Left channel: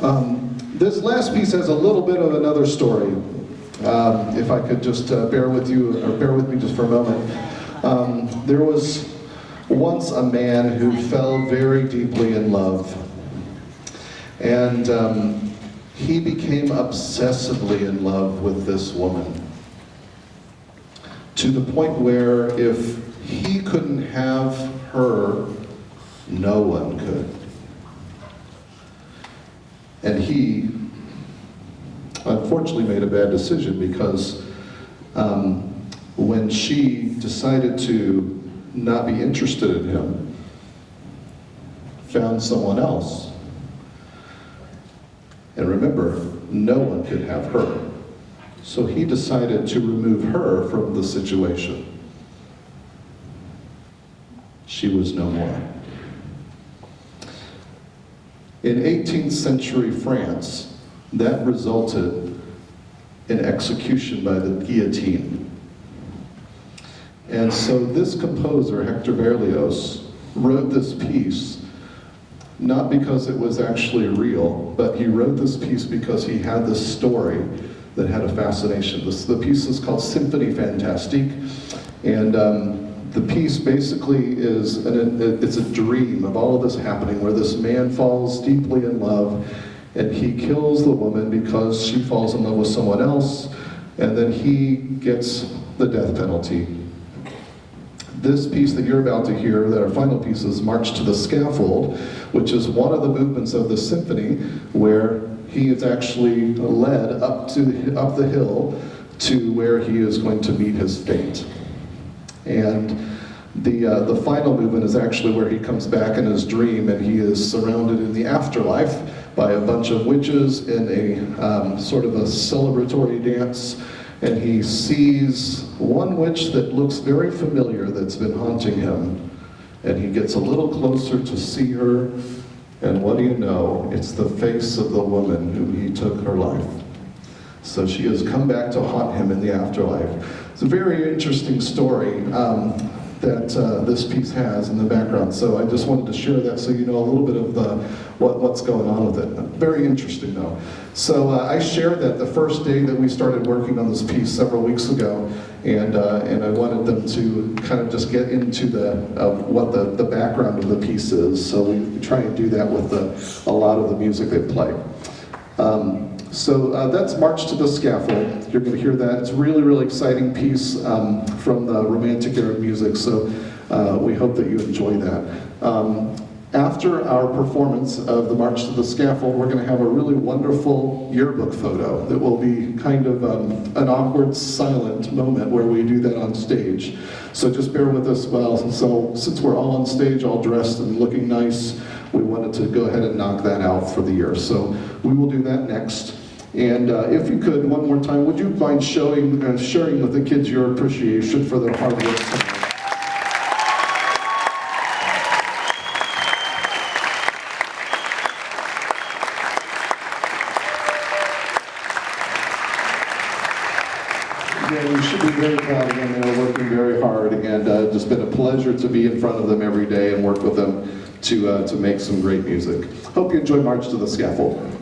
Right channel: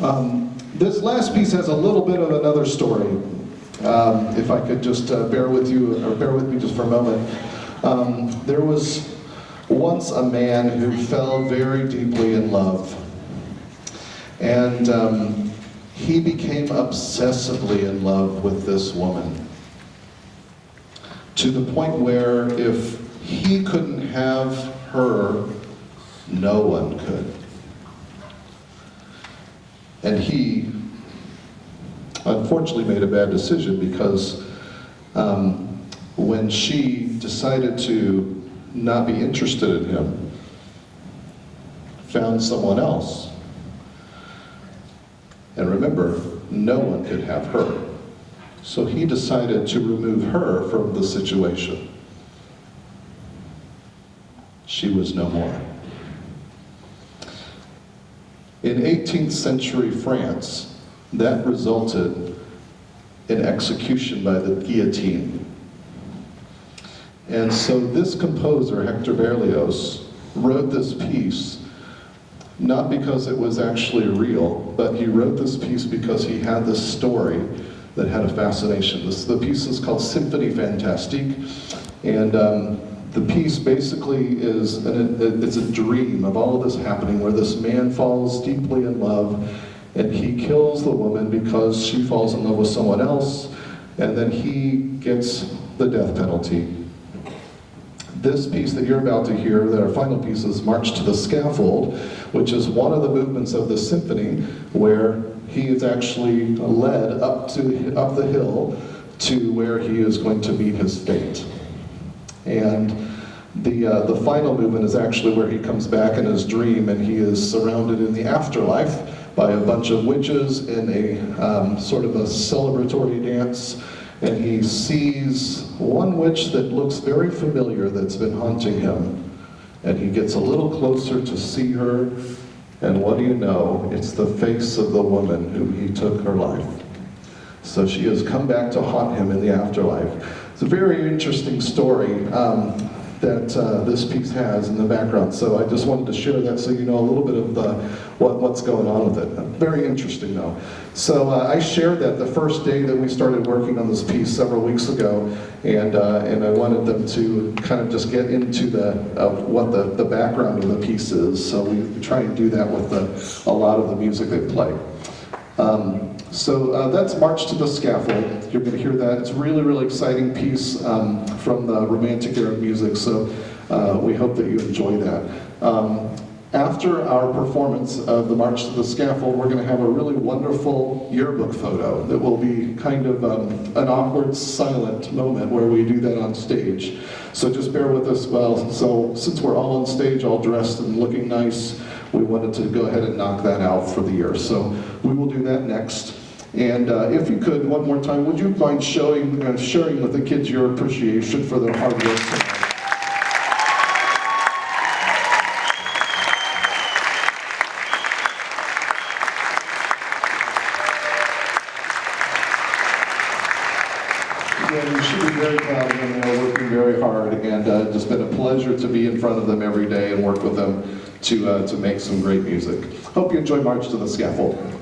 This last piece has a little bit of another story. If I could just bear with me just for a moment. There was once a man who fell very deeply in love. And he became obsessively in love with this woman. To the point where if he couldn't have her, no one could. And he unfortunately made a bad decision because when she decided to not be interested in him, found someone else. And remember, no one could have her. So he decided to remove her from the situation. She was no more. In 18th century France, that resulted in execution by the guillotine. And so this composer, Hector Berlioz, wrote this piece not because it was actually real, but he wrote this piece because he had this story that had a fascination. The piece is called Symphony Fantastique, and the piece basically is, it's a dream of all of this happening where this man falls deeply in love and he kills the woman because she falls in love with someone else, and then he gets the death penalty. This piece that you're about to hear, our final piece, is March to the Scaffold, which is one of the movements of the symphony where he is actually led up the hill to where he is going to meet his fate. And the final movement is actually where he comes back in his dream and he is surrounded in the afterlife by a bunch of witches in a sort of a celebratory dance. And he sees one witch that looks very familiar that's been haunting him. And he gets a little closer to see her, and what do you know? It's the face of the woman whom he took her life. So she has come back to haunt him in the afterlife. It's a very interesting story that this piece has in the background. So I just wanted to share that so you know a little bit of what's going on with it. Very interesting though. So I shared that the first day that we started working on this piece several weeks ago, and I wanted them to kind of just get into what the background of the piece is. So we try and do that with a lot of the music they play. So that's March to the Scaffold. You're going to hear that. It's a really, really exciting piece from the Romantic era of music, so we hope that you enjoy that. After our performance of the March to the Scaffold, we're going to have a really wonderful yearbook photo that will be kind of an awkward, silent moment where we do that on stage. So just bear with us. Well, so since we're all on stage, all dressed and looking nice, we wanted to go ahead and knock that out for the year. So we will do that next. And if you could, one more time, would you mind sharing with the kids your appreciation for their hard work tonight? Yeah, you should be very proud of them. They're working very hard, and it's just been a pleasure to be in front of them every day and work with them to make some great music. Hope you enjoy March to the Scaffold.